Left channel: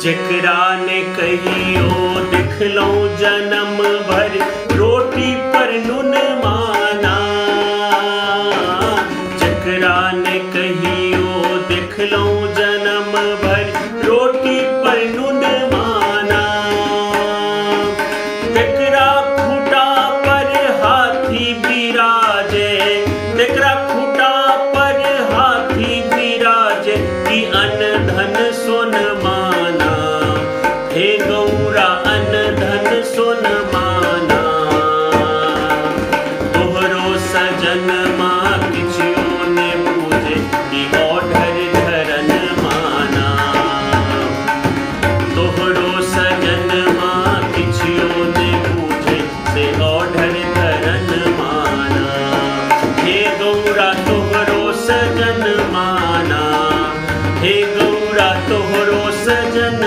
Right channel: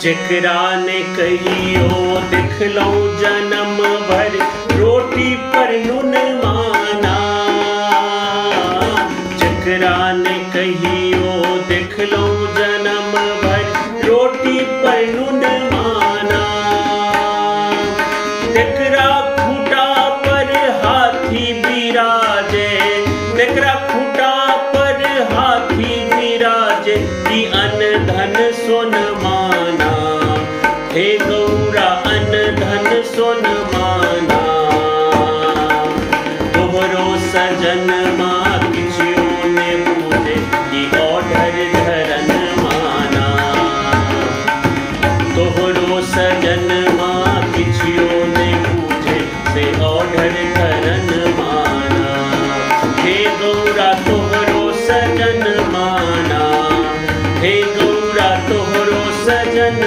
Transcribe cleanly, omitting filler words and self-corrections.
जकरा ने कहियो दिखलो जन्म भर रोटी पर नुन माना। जकरा ने कहियो दिखलो जन्म भर रोटी पर नुन माना। तेकरा खूटा पर हाथी बिराजे, तेकरा खूटा पर हाथी बिराजे कि अन्न धन सोन माना। हे गौरा अन्न धन सोन माना। तोहरो सजन माँ किछियो ने पूजे कि ओढ़र धरन माना। तोहरो सजन माँ किछियो ने पूजे से ओढ़र धरन माना। हे गौरा तोहरो सजन माना। हे गौरा तोहरो सजन